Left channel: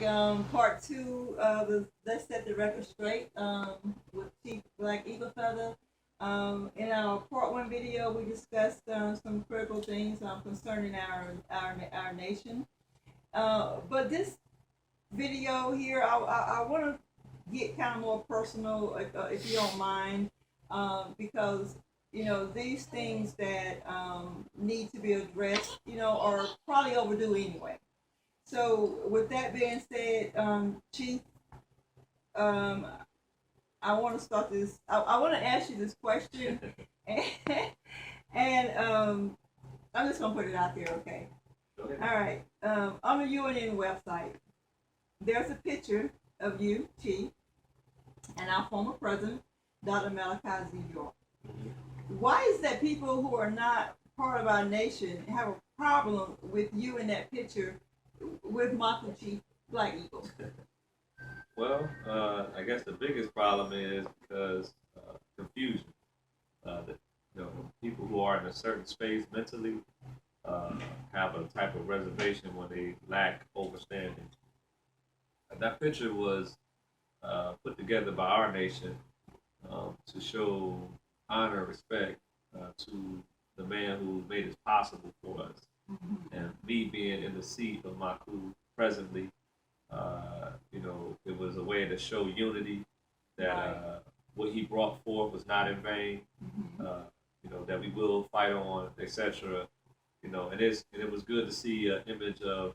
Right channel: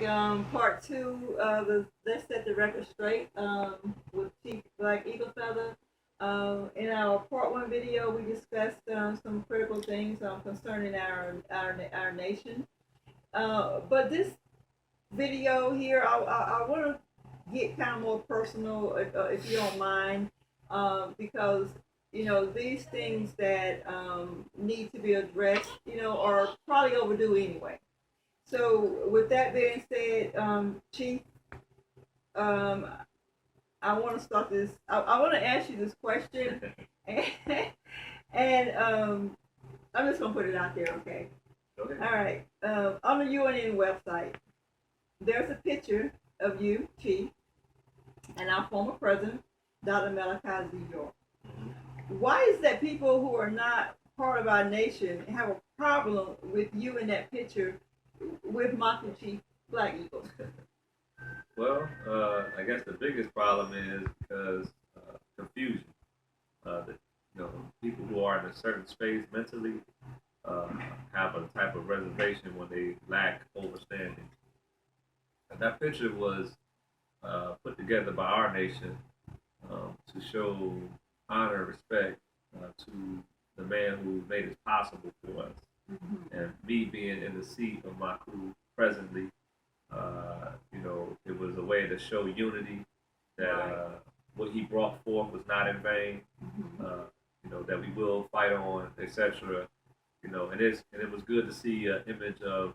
back. Part two of the Let's Set the Record Straight with Chief Black Eagle Feather. In our part one video, we discussed some critical things concerning our nation. But this video here, I want to get kind of more personal, if you don't mind, because these things that need to be addressed, are probably overdue anyway. So, with that being said, Chief, um, I want to start this. I want to ask you this question, and, and I'm just gonna put it out there, okay? Okay. All right. On the UNN website, there's a picture of you, Chief, and our former president, Dr. Malachi Z. York. Why is that people who are not part of our nation have a problem with you in that picture with Michael Chief Black Eagle? Well, I guess the biggest problem is because confusion. That people who are in a certain space mentally have a type of reservation when they lack understanding. And that picture was put together by our nation to show honor and respect to the man who made it possible for us. Mm-hmm. And me being in the seat of my crew presently, it was a way to show unity that right. What he brought forth was not in vain. Mm-hmm. That we will fight on, etc. And it was good to see an image of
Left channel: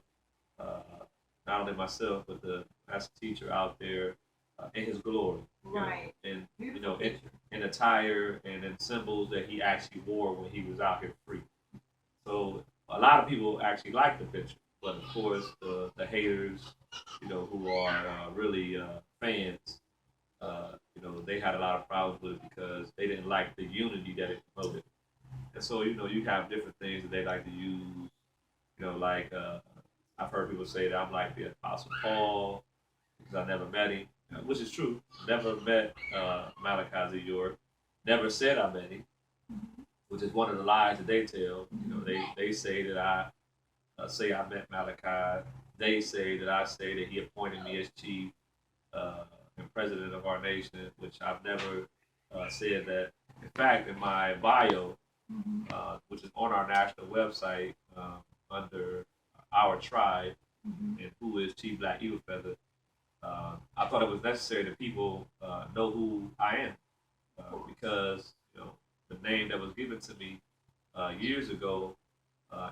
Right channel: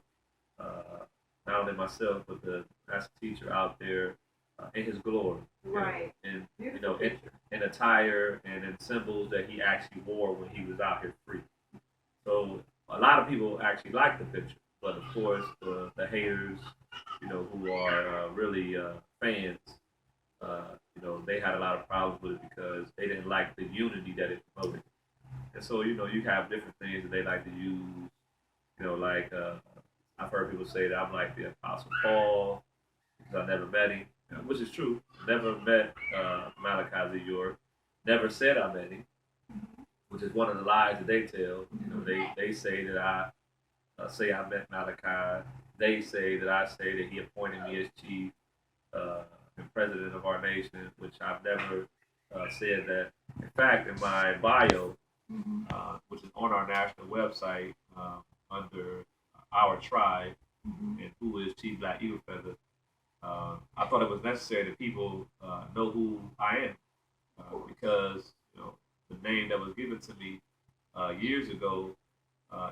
not only myself but the master teacher out there in his glory, right? And in attire and in symbols that he actually wore when he was out here free. So a lot of people actually like the picture, but of course the haters, who are really fans, they had a lot of problems with it because they didn't like the unity that it promoted. And so you have different things that they like to use. Like I've heard people say that I'm like the Apostle Paul because I never met him, which is true. Never met Malachi Z. York. Never said I met him, which is one of the lies that they tell. They say that I say I met Malachi. They say that I say that he appointed me as chief and president of our nation, which I've never said that. In fact, in my bio, which is on our national website under our tribe, and who is Chief Black Eagle Feather, I thought it was necessary that people know who I am because the name that was given to me years ago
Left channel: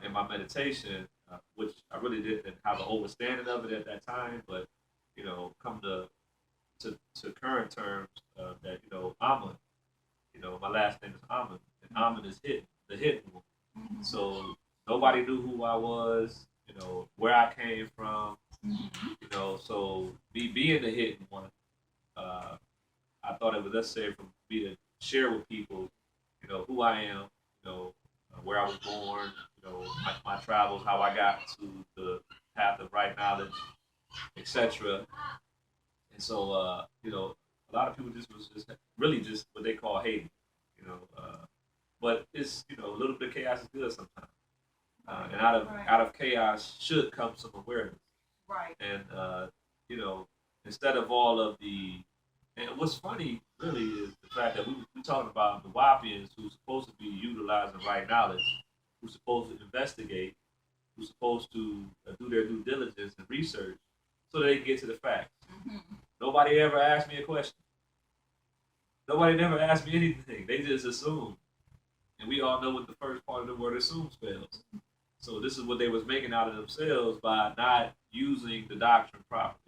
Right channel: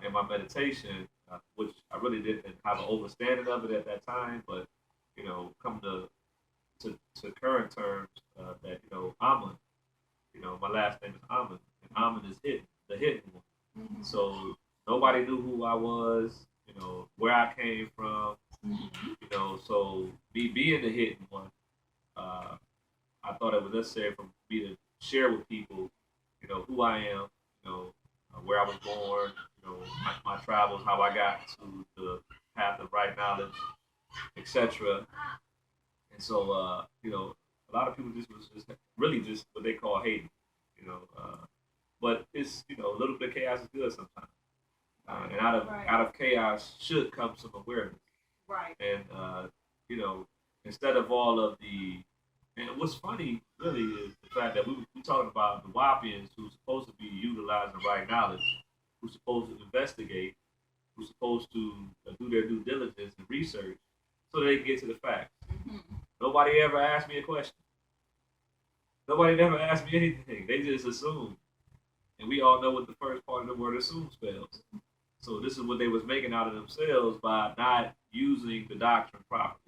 in my meditation, which I really didn't have an understanding of it at that time, but come to current terms that Amun, my last name is Amun, and Amun is hidden, the hidden one. Mm-hmm. So nobody knew who I was, where I came from, so me being the hidden one, I thought it was necessary for me to share with people, who I am, where I was born, my travels, how I got to the path of right knowledge, etc. And so, a lot of people just was just really just what they call hating, but it's a little bit of chaos is good sometimes, and out of chaos should come some awareness, right? And instead of all of the, and what's funny really is the fact that we talking about the NUWAUPIANs who's supposed to be utilizing right knowledge, who's supposed to investigate, who's supposed to do their due diligence and research so they can get to the facts. Mm-hmm. Nobody ever asked me a question. Nobody never asked me anything. They just assumed. And we all know what the first part of the word assume spells. So this is what they was making out of themselves by not using the doctrine properly.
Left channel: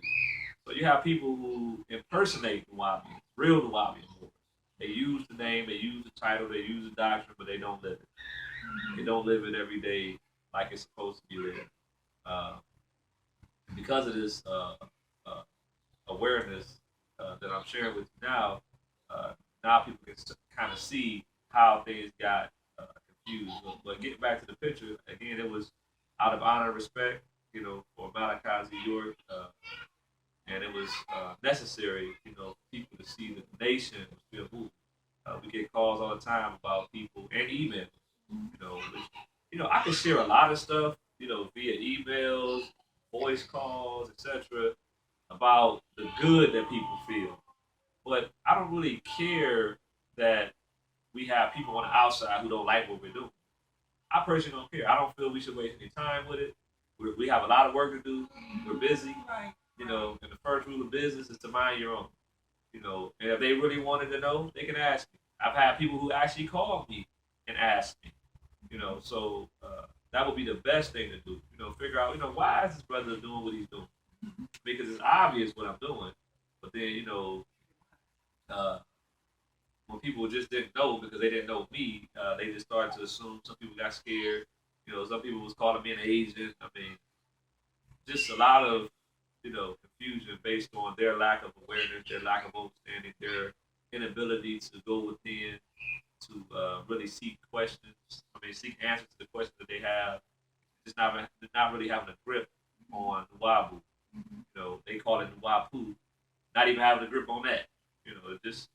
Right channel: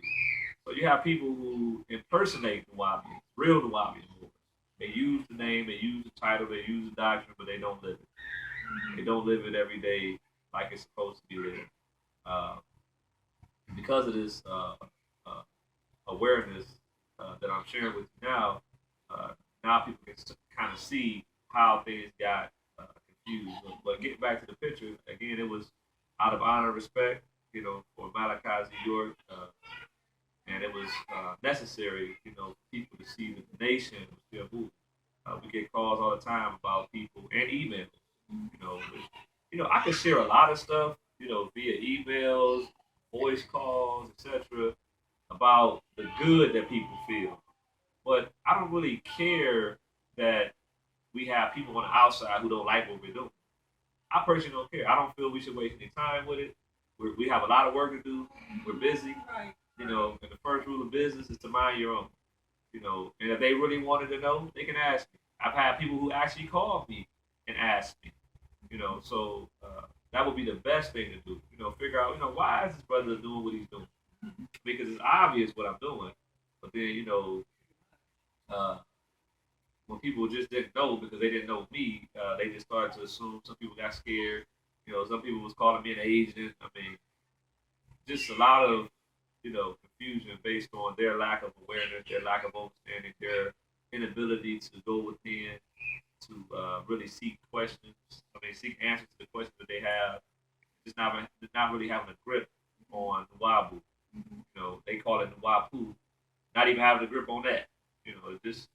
So you have people who impersonate Nuwaubians, real Nuwaubian wars. They use the name, they use the title, they use the doctrine, but they don't live it. They don't live it every day like it's supposed to be lived. Because of this awareness that I'm sharing with you now, now people can kind of see how things got confused. But getting back to the picture, again, it was out of honor and respect, for Malachi Z. York, and it was necessary, for people to see that the nation was still moving. We get calls all the time about people and emails, which, I can share a lot of stuff, via emails, voice calls, etc., about the good that people feel. But I don't really care that we have people on the outside who don't like what we're doing. I personally don't care. I don't feel we should waste any time with it. We have a lot of work to do. We're busy. Right. You know, and the first rule of business is to mind your own. You know, and if they really wanted to know, they can ask me. I've had people who actually called me and asked me. You know, so that would be the best thing to do. You know, figure out, why is this brother doing what he's doing? Because it's obvious what I'm doing. But then, uh, when people just didn't know because they didn't know me, they just started to assume. Some people got scared. You know, some people was calling me an agent. I mean, just a lot of confusion based on their lack of awareness, their lack of understanding, their inability to go within to really seek questions. I mean, seek answers to the questions that they have. Just not really having a grip on the Wabu. You know, they call it the Wapu. Not even having a grip on that. You know, just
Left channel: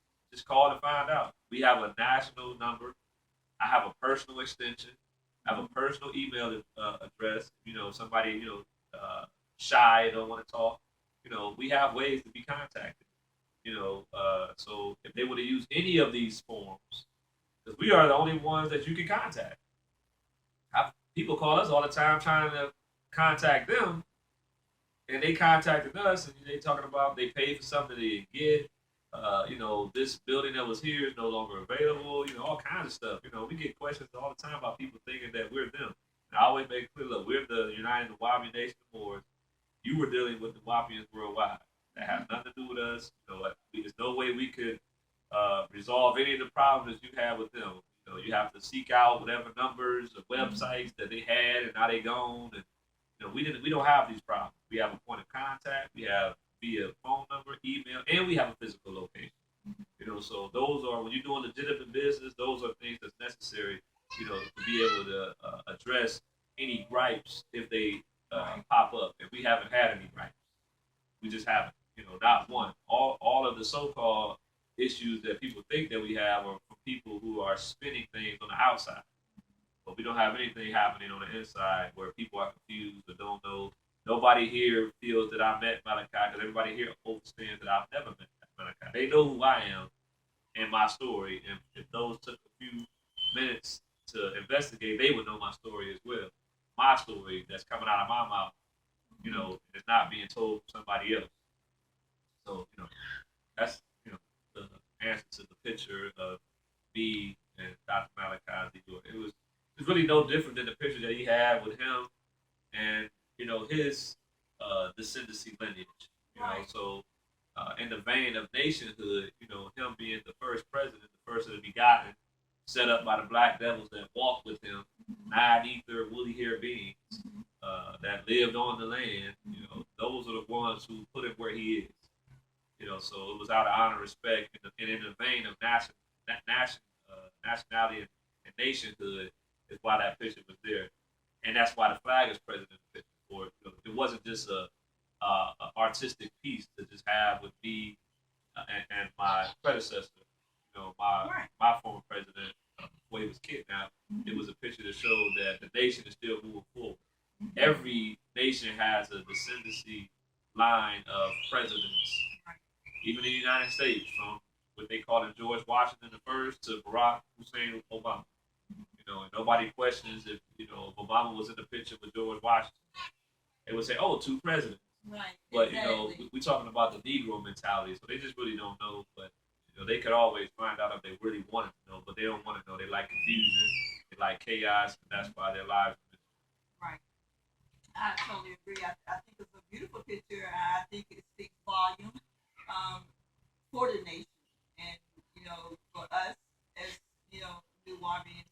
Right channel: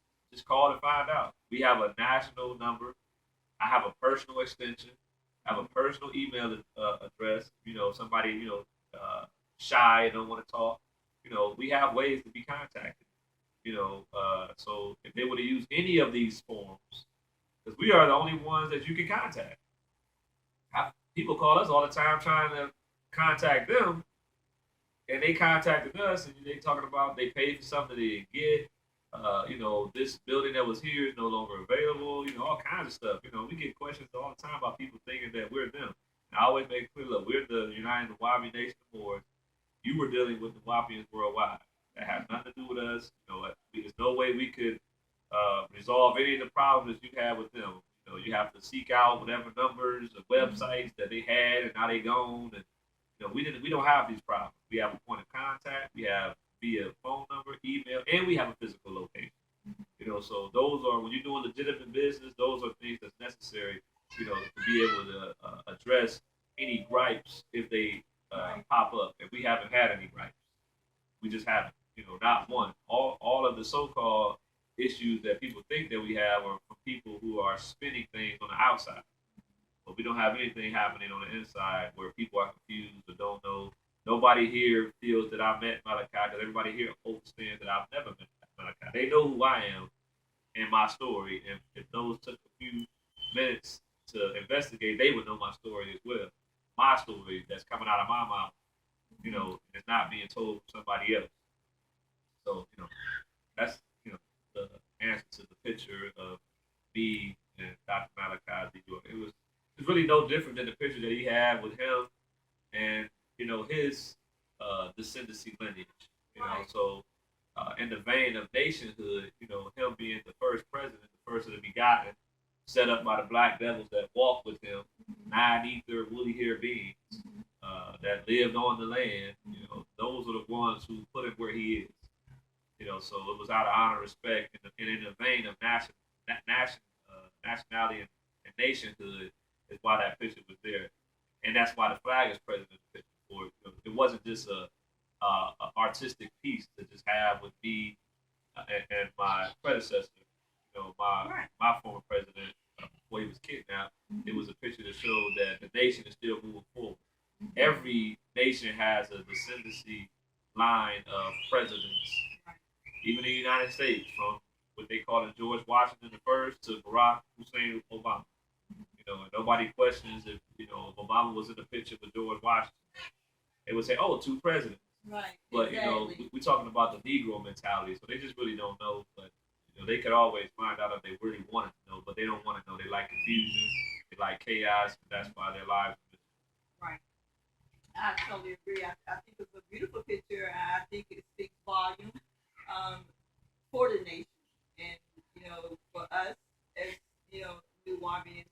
call and find out. We have a national number. I have a personal extension. I have a personal email address. You know, somebody shy and don't want to talk. You know, we have ways to be contacted. You know, so if they would have used any of these forms, because we are the only ones that you can contact. People call us all the time trying to contact them, and they contacted us, and they talking about they paid for something they didn't get. This building that was here is no longer available. You know, all kinds of stuff. You know, we get questions all the time about people thinking that we're them. And I always make it clear, look, we're the United Nuwaubian Nation Board. You were dealing with the Nuwaubians worldwide. That has nothing to do with us. You know, there's no way we could resolve any of the problems that you have with them. You know, you have to seek out whatever numbers or websites that they had, and now they gone. And we don't have these problems. We have a point of contact. We have via phone number, email, and we have a physical location. You know, so those are when you're doing legitimate business. Those are things that's necessary. You know, to be able to address any gripes if they pop up. If we haven't had any gripes, we just haven't. You know, not one. All of the so-called issues that people think that we have are from people who are spinning things on the outside. But we don't have anything happening on the inside where people are confused or don't know. Nobody here feels that I met Malachi because everybody here understands that I've never met Malachi. They know who I am and my story. And if those took a few minutes to investigate, they would know my story as well. My story that's coming out of my mouth, is not being told from somebody else. So, that's, the answer to the picture of me and Dr. Malachi Z. It's really no different than the picture that he had with him and his descendancy lineage. Right. So in the vein of nationhood, him being the first president, the first of the begotten, set up by the black devils that walked with him, nine ether, woolly hair beings that lived on the land. Those are the ones who put him where he is. So it was out of honor, respect, and in the vein of nationality and nationhood is why that picture was there, and that's why the flag is present in the picture. For it wasn't just a artistic piece to just have with me and my predecessor, my Right. my former president before he was kidnapped. It was a picture to show that the nation is still moving forward. Every nation has a descendancy line of presidents, even in the United States, from what they call it George Washington the first to Barack Hussein Obama. And nobody questions if Obama was in the picture with George Washington. They would say, "Oh, two presidents." Right. But Exactly. we're talking about the Negro mentality, so they just really don't know. But they could always find out if they really wanted to know, but they don't want to know. They like confusion, they like chaos, and that's why their lives. Right. I totally agree. I think it's a beautiful picture. I think it speaks volume for the nation, and for us as Nuwaubians,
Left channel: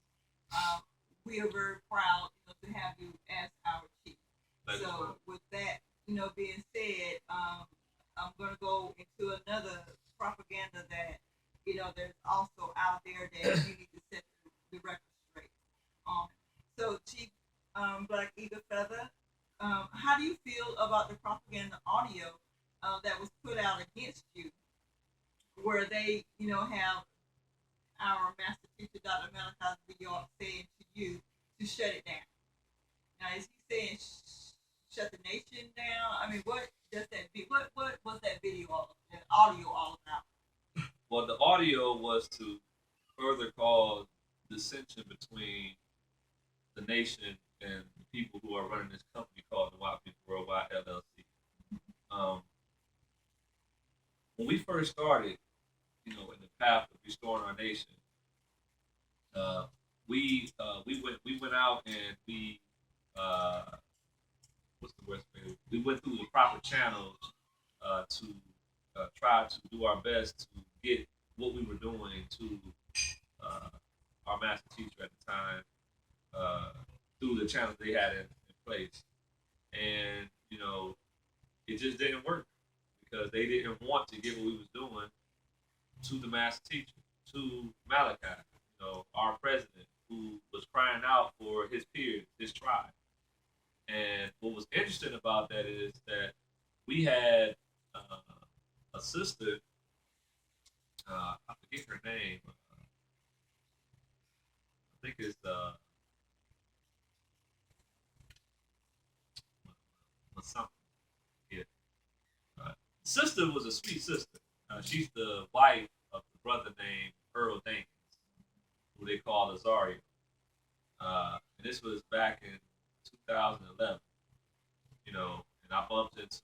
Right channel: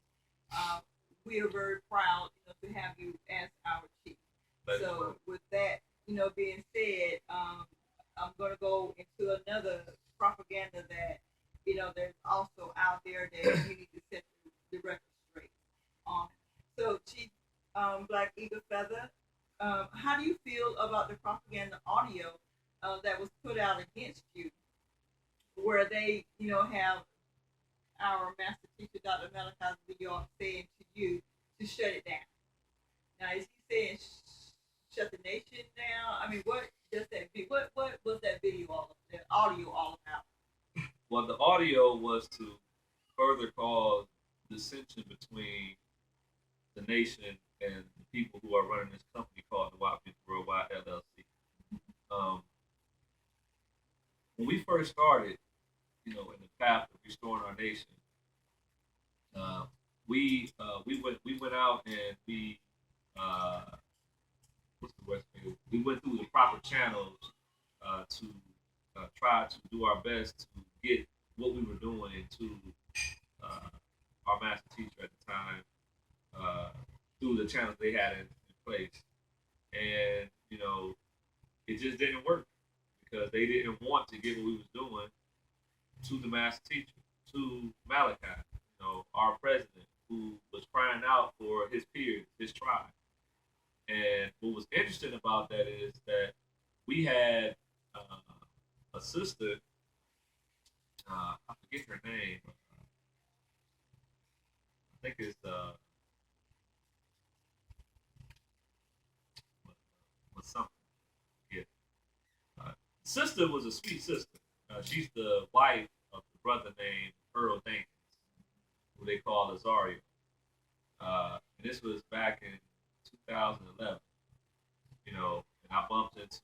uh, we are very proud to have you as our chief. So with that, being said, I'm going to go into another propaganda that there's also out there that you need to set the record straight on. So Chief Black Eagle Feather, how do you feel about the propaganda audio that was put out against you, where they have our master teacher Dr. Malachi Z. York saying to you to shut it down? Now is he saying shut the nation down? I mean, what does that be? What was that video that audio all about? Well, the audio was to further cause dissension between the nation and the people who are running this company called NUWAUPIANS Worldwide LLC. Um, when we first started, in the path of restoring our nation, uh, we went out and we uh, what's the word? We went through the proper channels to try to do our best to get what we were doing to our master teacher at the time through the channels they had in place, and it just didn't work because they didn't want to give what we was doing to the master teacher, to Malachi, our president, who was crying out for his peers, his tribe. And what was interesting about that is that we had a sister, I forget her name. I think it's something. Yeah, sister was a sweet sister. She's the wife of the brother named Earl Dankins, who they call Asaru. And this was back in 2011, and I bumped into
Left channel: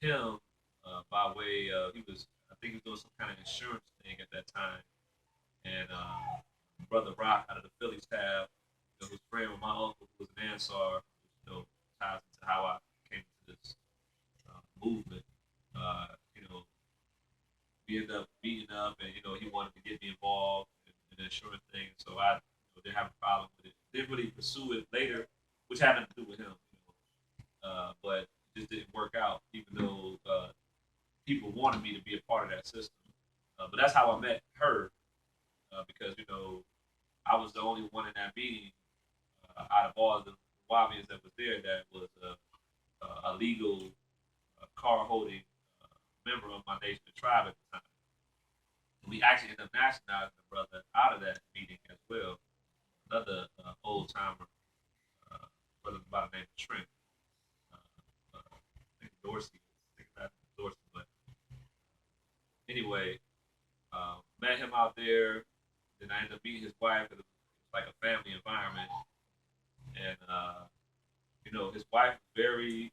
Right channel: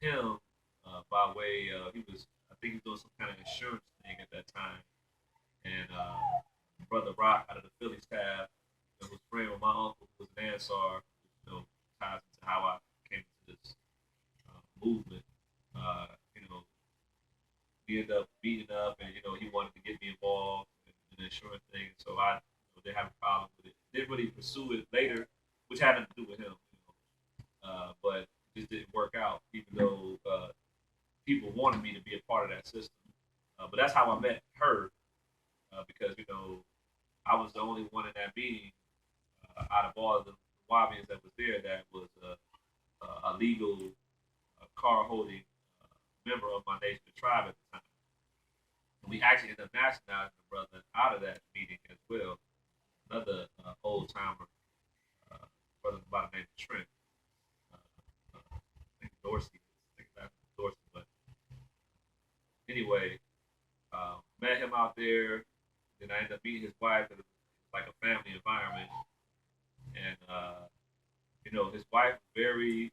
him by way of I think he was doing some kind of insurance thing at that time, and brother Rock out of the Philly tab, that was friend with my uncle who was an Ansar, ties into how I came to this movement. Uh, you know, we ended up meeting up, and he wanted to get me involved in the insurance thing, so I didn't have a problem with it. Didn't really pursue it later, which had nothing to do with him, but it just didn't work out, even though people wanted me to be a part of that system. But that's how I met her, because I was the only one in that meeting out of all of the Nuwaubians that was there that was a legal car holding member of my nation, the tribe at the time. And we actually ended up nationalizing the brother out of that meeting as well. Another old timer, brother by the name of Trent. I think Dorsey. I think that's Dorsey. But anyway, met him out there. Then I ended up meeting his wife. It was like a family environment, and his wife very,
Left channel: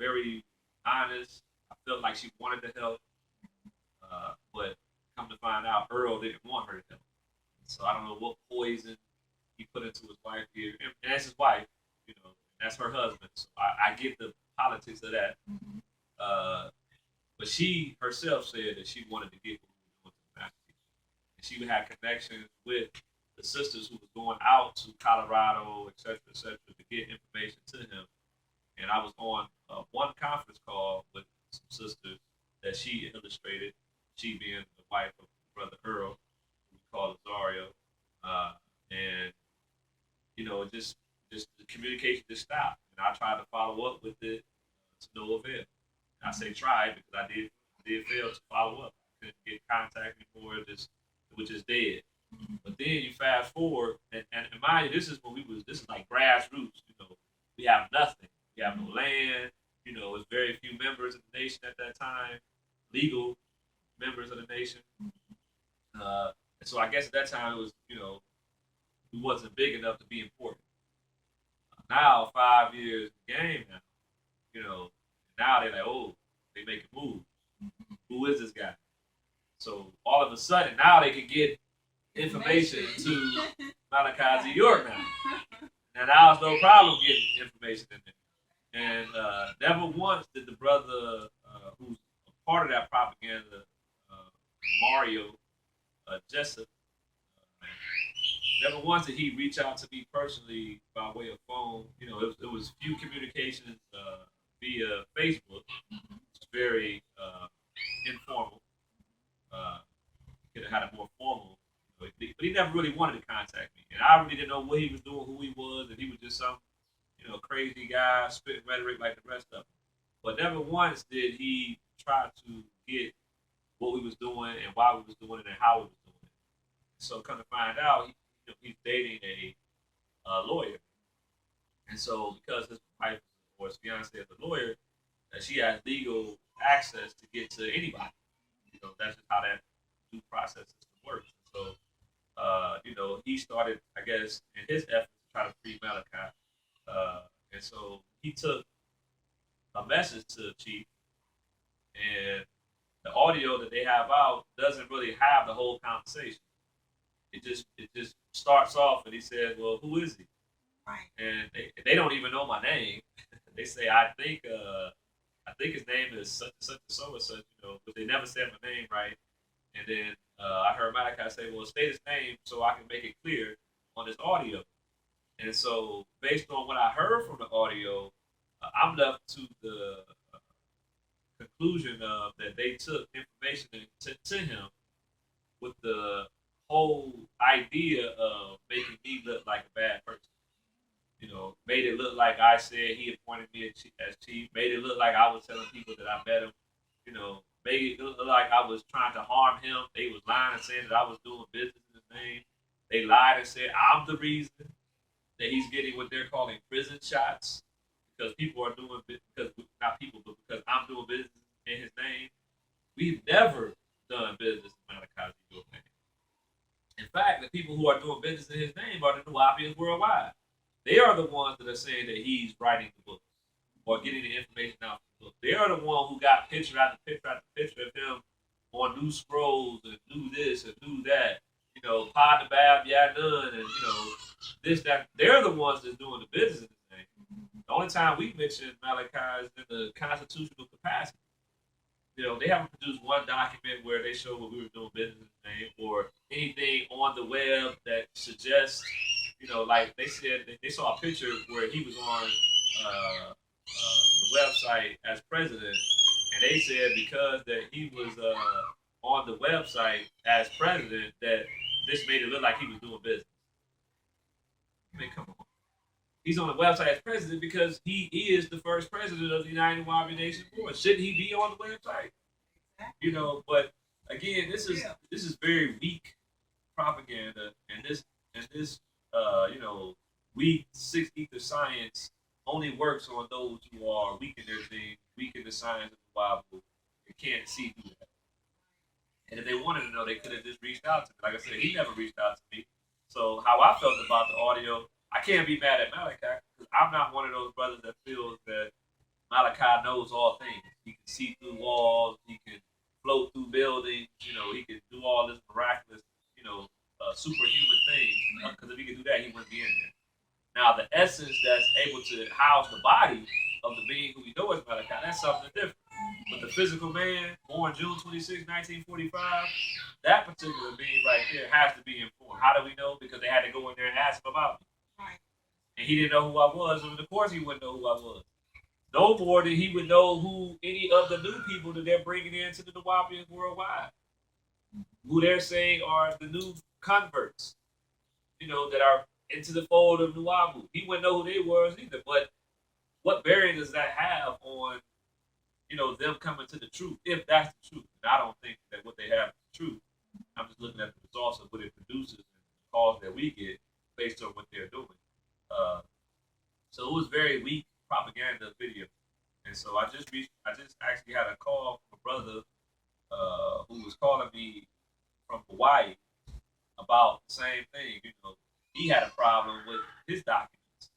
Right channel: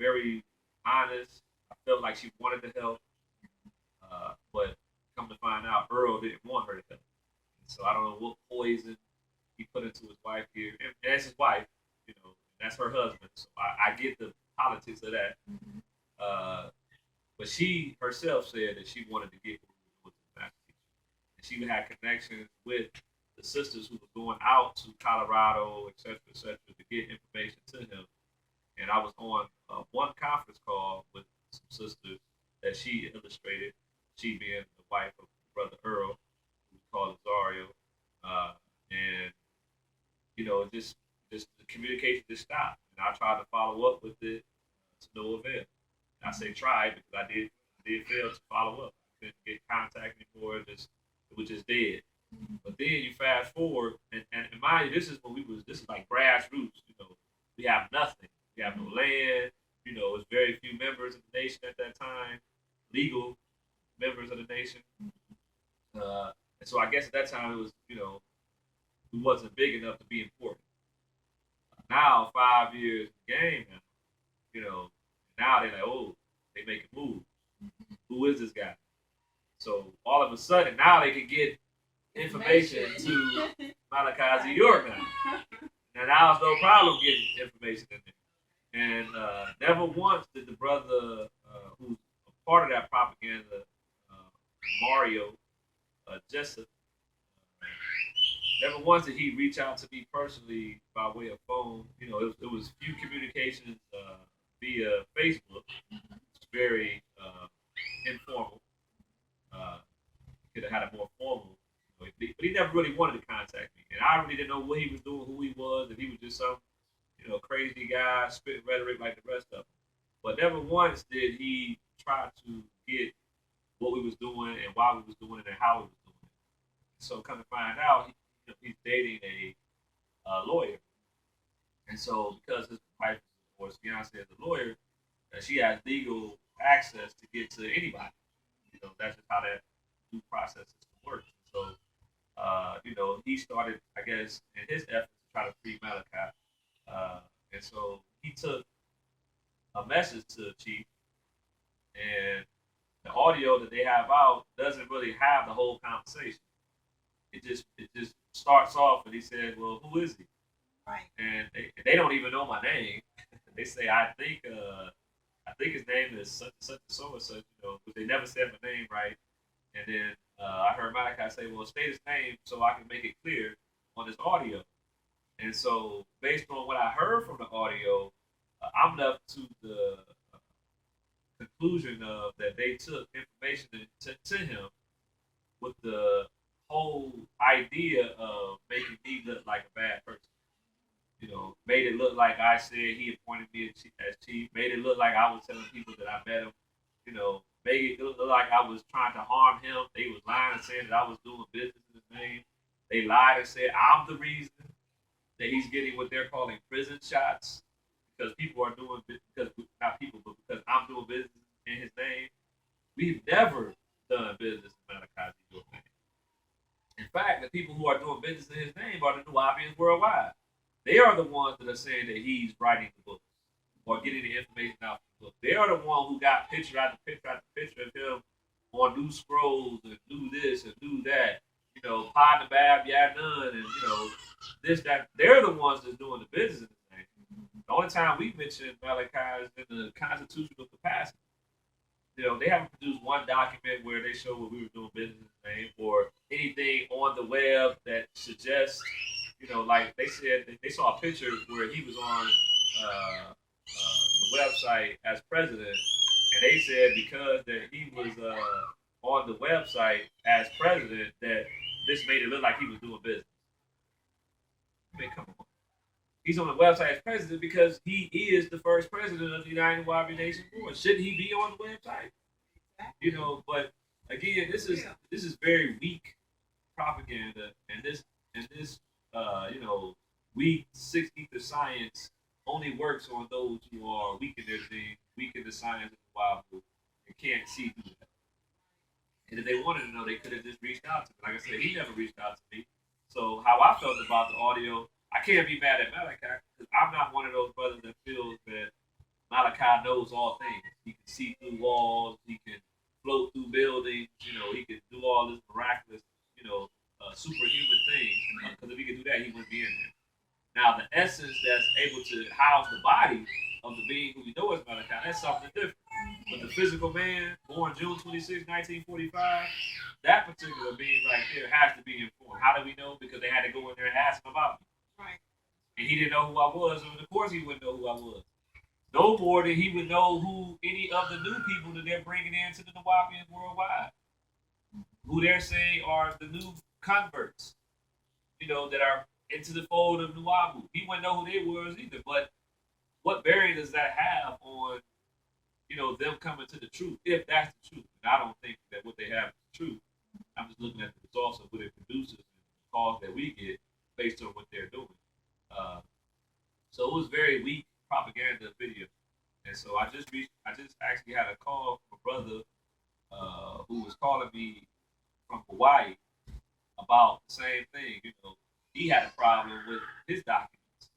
very honest. I felt like she wanted to help, but come to find out, Earl didn't want her to help. And so I don't know what poison he put into his wife here, and that's his wife, and that's her husband. So I get the politics of that. Mm-hmm. But she herself said that she wanted to get what we were doing to the master teacher, and she had connections with the sisters who was going out to Colorado, et cetera, to get information to him. And I was on one conference call with some sisters that she illustrated, she being the wife of brother Earl, who we call Azario, and just the communication just stopped. And I tried to follow up with it to no avail. And I say tried because I did fail to follow up. I couldn't get contact anymore. It was just dead. Mm-hmm. But then you fast forward, and mind you, this is like grassroots. We have nothing. We have no land. It's very few members of the nation at that time, legal members of the nation. And so I guess at that time it was, we wasn't big enough to be important. Now 5 years in the game now, now they're like, oh, they making moves. Mm-hmm. Who is this guy? So all of a sudden now they can get information to Malachi York now. And now it's no problem getting information in there. And never once did the brother who's a part of that propaganda, Mario Jessup, never once did he reach out to me personally by way of phone. It was few communications via Facebook. Mm-hmm. It's very informal. Could have had it more formal. But he never really wanted to contact me. And I really didn't know what he was doing, who he was, if he was just some crazy guy spitting rhetoric like the rest of them. But never once did he try to get what we was doing and why we was doing it and how we was doing it. So come to find out, he's dating a lawyer, and so because his wife or his fiance is a lawyer, that she has legal access to get to anybody. That's just how that due process system works. So, he started, I guess, in his efforts to try to free Malachi. And so he took a message to the chief, and the audio that they have out doesn't really have the whole conversation. It just starts off, and he says, "Well, who is he?" Right. And they don't even know my name. They say, I think his name is such and such and so and such, but they never said my name right. And then I heard Malachi say, "Well, state his name so I can make it clear on this audio." And so, based on what I heard from the audio, I'm left to the conclusion of that they took information to him with the whole idea of making me look like a bad person. Made it look like I said he appointed me as chief. Made it look like I was telling people that I met him. Made it look like I was trying to harm him. They was lying and saying that I was doing business in his name. They lied and said I'm the reason that he's getting what they're calling prison shots because people are doing because not people, but because I'm doing business in his name. We've never done business in Malachi's name. In fact, the people who are doing business in his name are the Nuwaubians worldwide. They are the ones that are saying that he's writing the book or getting the information out from the book. They are the one who got picture after picture after picture of him on new scrolls and do this and do that. Pod the Bab, yeah, none, and this, that. They're the ones that's doing the business in his name. The only time we mention Malachi is in the constitutional capacity. They haven't produced one document where they show what we were doing business in his name or anything on the web that suggests like they said, they saw a picture where he was on the website as president, and they said because that he was on the website as president, that this made it look like he was doing business. I mean, come on. He's on the website as president because he is the first president of the United Nuwaubian Nation Board. Shouldn't he be on the website? But again, this is very weak propaganda, and this weak six ether science only works on those who are weak in their thing, weak in the science of the Bible, and can't see through that. And if they wanted to know, they could have just reached out to me. Like I said, he never reached out to me. So how I felt about the audio, I can't be mad at Malachi because I'm not one of those brothers that feels that Malachi knows all things. He can see through walls. He can float through buildings. He can do all this miraculous, superhuman things. Because if he could do that, he wouldn't be in there. Now, the essence that's able to house the body of the being who we know as Malachi, that's something different. But the physical man, born June 26, 1945, that particular being right there has to be informed. How do we know? Because they had to go in there and ask him about me. Right. And he didn't know who I was, and of course he wouldn't know who I was. No more than he would know who any of the new people that they're bringing into the Nuwaubians worldwide, who they're saying are the new converts, that are into the fold of Nuwaubu. He wouldn't know who they were either. But what bearing does that have on, them coming to the truth, if that's the truth? And I don't think that what they have is the truth. I'm just looking at the results of what it produces and the calls that we get based on what they're doing. So it was very weak propaganda video. And so I just actually had a call from a brother who was calling me from Hawaii about the same thing. He had a problem with his documents.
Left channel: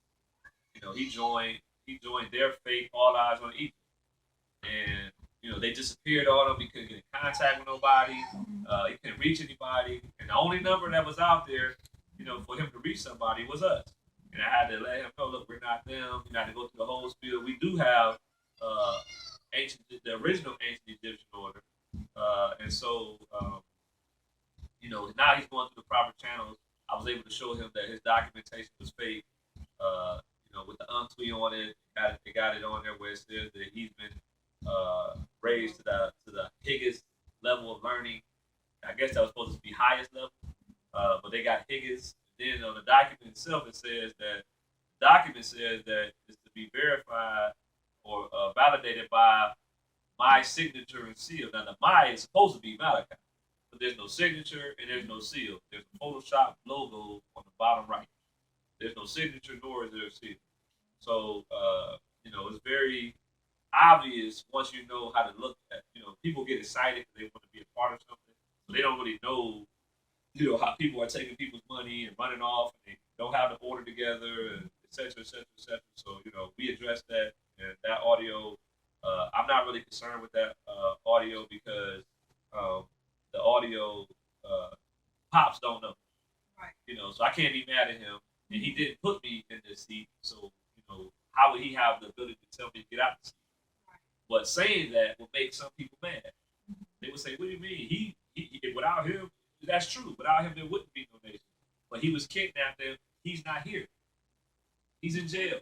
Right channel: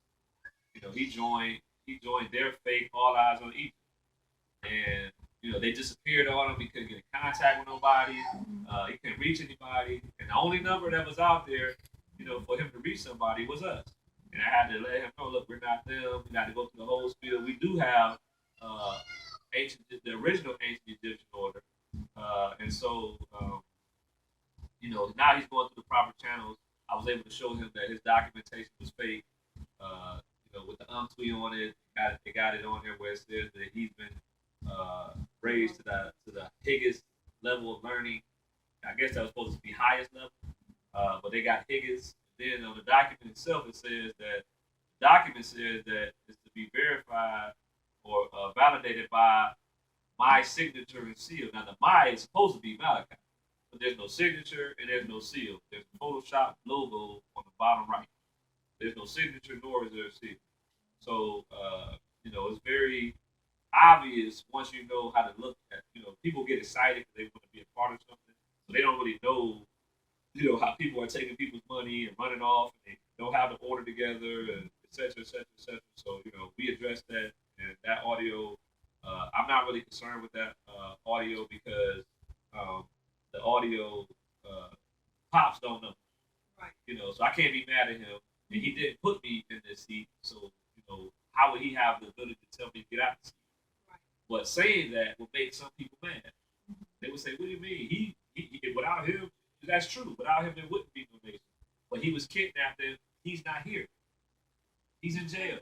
He joined their faith, All Eyes on Egypt, and they disappeared on him. He couldn't get in contact with nobody. He couldn't reach anybody, and the only number that was out there, for him to reach somebody was us. And I had to let him know, look, we're not them. We got to go through the whole spiel. We do have the original ancient Egyptian order, and so now he's going through the proper channels. I was able to show him that his documentation was fake. With the untweet on it, they got it on there where it says that he's been raised to the highest level of learning. I guess that was supposed to be highest level, but they got Higgins. Then on the document itself, it says that it's to be verified or validated by my signature and seal. Now the my is supposed to be Malachi, but there's no signature and there's no seal. There's a Photoshop logo on the bottom right. There's no signature nor is there a seal. So It's very obvious once you know how to look at. People get excited because they want to be a part of something, so they don't really know how people are taking people's money and running off, and they don't have the order together, and et cetera, et cetera, et cetera. So, we address that, and that audio, I'm not really concerned with that audio because the audio pops don't know, Right. So I can't be mad at him, and he didn't put me in this seat, so, how would he have the ability to tell me to get out the seat? Right. But saying that would make some people mad. Mm-hmm. They would say, "What do you mean? He without him, that's true. Without him, there wouldn't be no nation. But he was kidnapped and he's not here. He's in jail.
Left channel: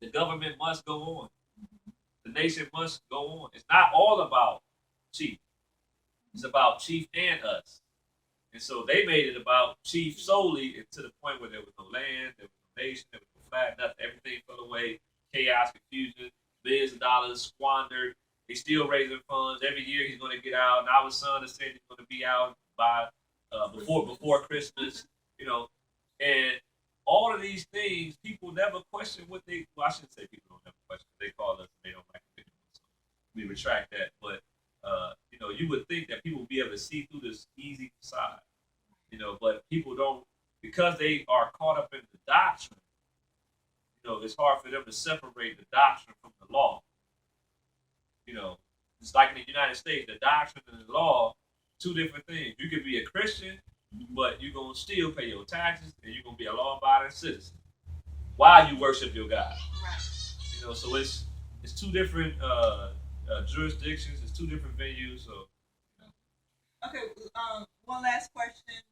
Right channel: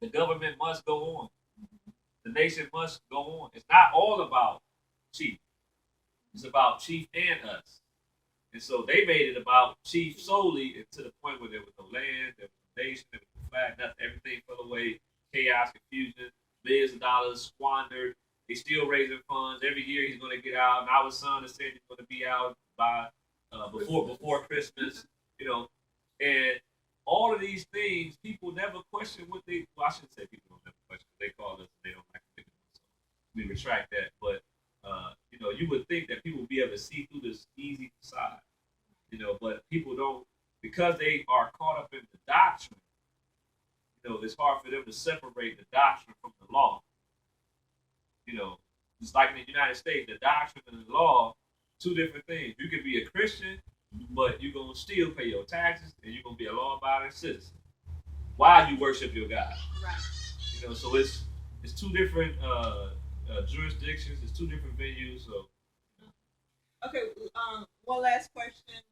The government must go on. The nation must go on. It's not all about Chief. It's about Chief and us. And so they made it about Chief solely, and to the point where there was no land, there was no nation, there was no flag, nothing. Everything fell away. Chaos, confusion, billions of dollars squandered. He's still raising funds. Every year he's going to get out. Now his son is saying he's going to be out by before Christmas, and all of these things, people never question what they. Well, I shouldn't say people don't never question. They call us, and they don't like it. So we retract that. But you would think that people would be able to see through this easy facade, but people don't, because they are caught up in the doctrine. It's hard for them to separate the doctrine from the law. It's like in the United States, the doctrine and the law, two different things. You could be a Christian, but you're going to still pay your taxes, and you're going to be a law-abiding citizen while you worship your God. Right. So it's two different jurisdictions, it's two different venues. So. Okay, one last question,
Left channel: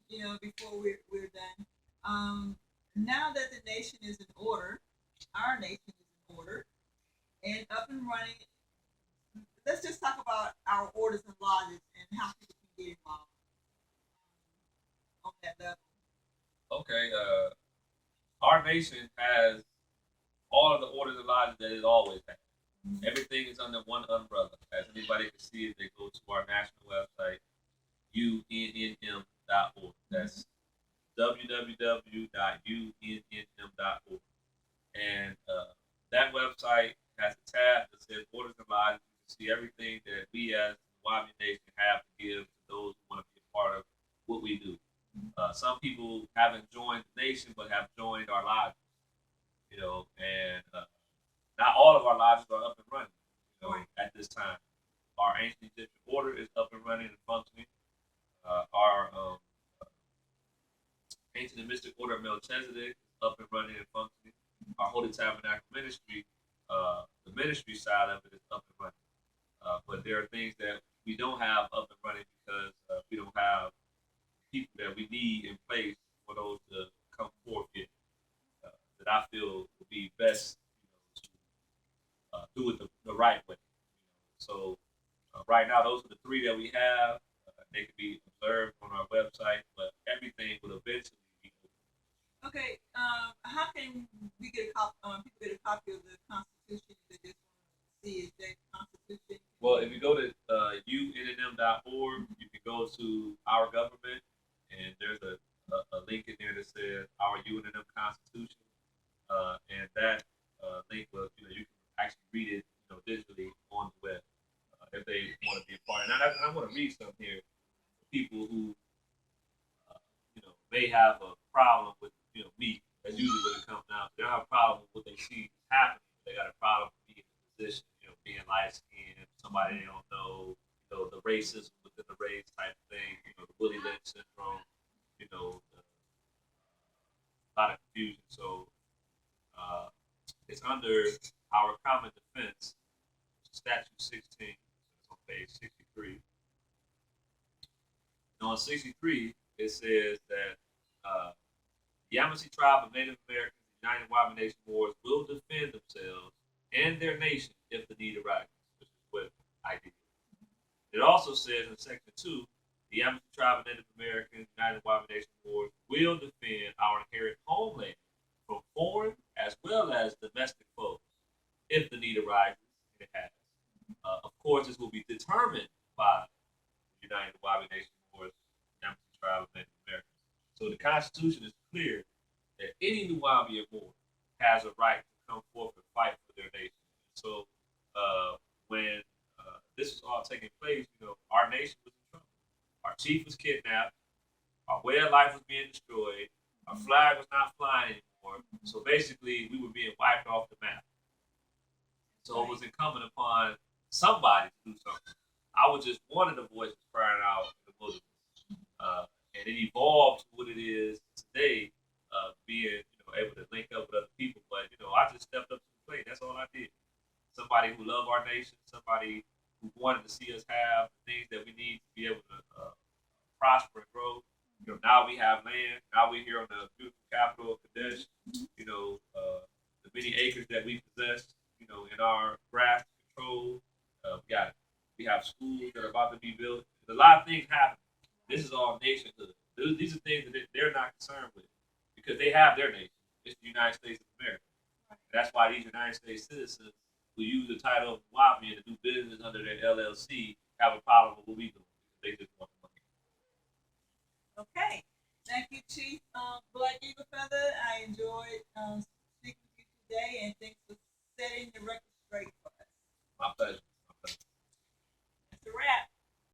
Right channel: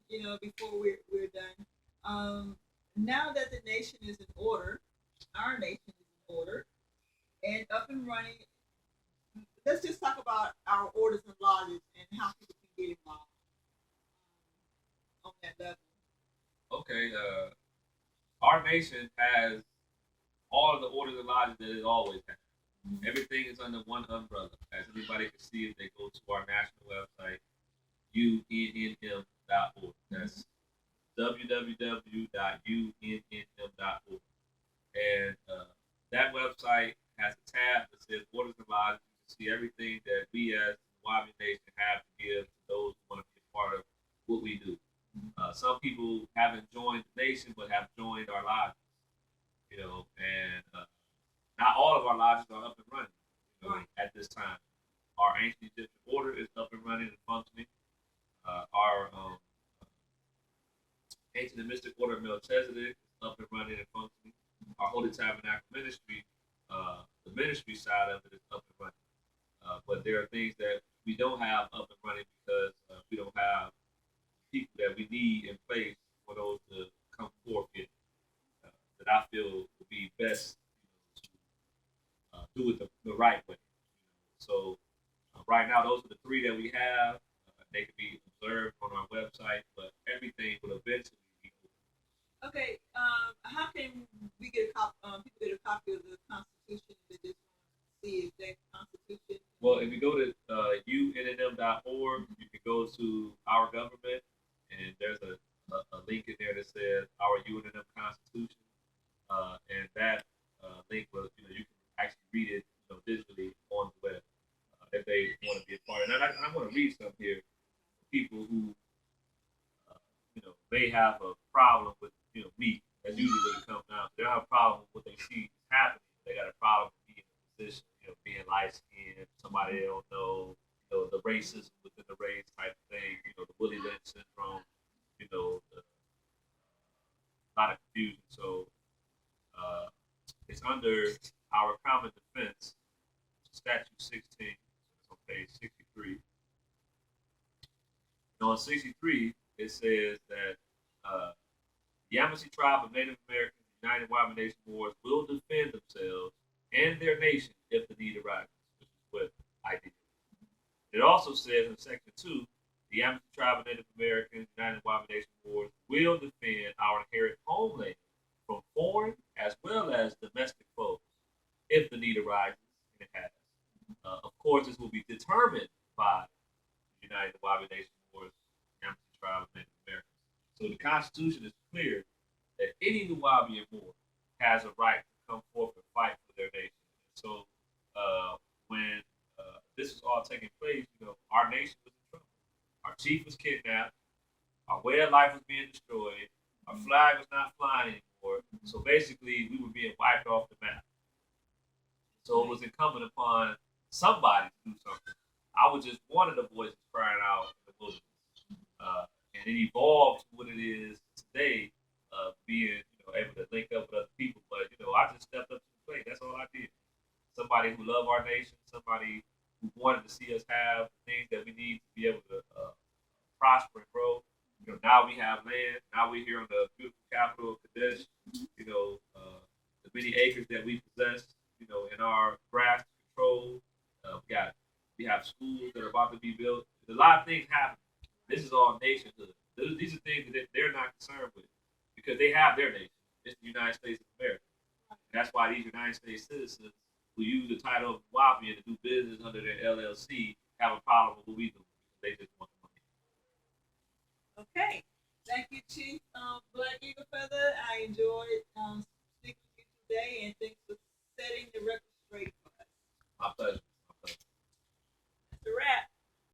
before we're done. Now that the nation is in order, our nation is in order, and up and running, let's just talk about our orders and lodges and how people can get involved on that level. Okay, our nation has all of the orders and lodges that it always had. Mm-hmm. Everything is under one umbrella. As anybody can see if they go to our national website, UNNM.org. That's www.unnm.org. And that website has a tab that says orders and lodges. You can see everything that we as the Nuwaubian Nation have to give to those who want to be a part of what we do. Some people haven't joined the nation but have joined our lodges, and not all of our lodges are up and running at this time. Our ancient Egyptian order is up and running and functioning. Our ancient and mystic order of Melchizedek is up and running and functioning. Our Holy Tabernacle ministry, the ministry side of it is up and running. But there are things that we don't have up and running because we don't have people that we need in place for those to come forth that I feel would be best to do it the right way. So right now, those are the three that we have. They can be observed on our website, but everything will eventually be open. Okay, how can we get people get a copy of the Constitution? They just want to see that Constitution. Well, if you go to UNNM.org, you can go to our government, and there's a link in there that says our UNNM Constitution, and that link will you can actually read it digitally on the web if they want to be a part. And I want to read some here for people who may have a problem with me. That's usually what it comes down to. They don't have a problem with what they see happening. They got a problem with being in a position, being light skinned, somebody they don't know, the racism within the race type of thing, the Willie Lynch syndrome, a lot of confusion. So it's under our common defense, statute 16, it's on page 63. And on 63, it says that the Yamasee tribe of Native Americans United Nuwaubian Nation Wars will defend themselves and their nation if the need arises, which is what I did. It also says in section 2, the Yamasee tribe of Native Americans United Nuwaubian Nation Wars will defend our inherent homeland from foreign as well as domestic foes if the need arises, and it has. Of course, this will be determined by the United Nuwaubian Nation Wars, Yamasee tribe of Native Americans. So the Constitution is clear that any Nuwaubian Moor has a right to come forth and fight for their nation. So when this was all taking place, our nation was in trouble. Our chief was kidnapped. Our way of life was being destroyed. Our flag was not flying anymore. So basically, we were being wiped off the map. So it was incumbent upon somebody to do something. I was just one of the voices crying out in the wilderness. And it evolved to what it is today, being able to link up with other people. But I just stepped up to the plate. That's all I did. Somebody who loved our nation, somebody who wanted to see us have the things that we need to be able to prosper and grow. Now we have land. Now we're here on the beautiful capital of Kadesh. The many acres that we possess. In our grasp control. We have schools that are about to be built. There's a lot of things happening. This is all nationhood. These are things that they're not concerned with because they have their nation. It's the United States of America. And that's why these United States citizens who use the title of NUWAUPIAN to do business under their LLC have a problem with what we do. They just want money. Okay. Thank you, Chief Black Eagle Feather. I enjoyed speaking with you today, and thanks for setting the record straight for us. My pleasure.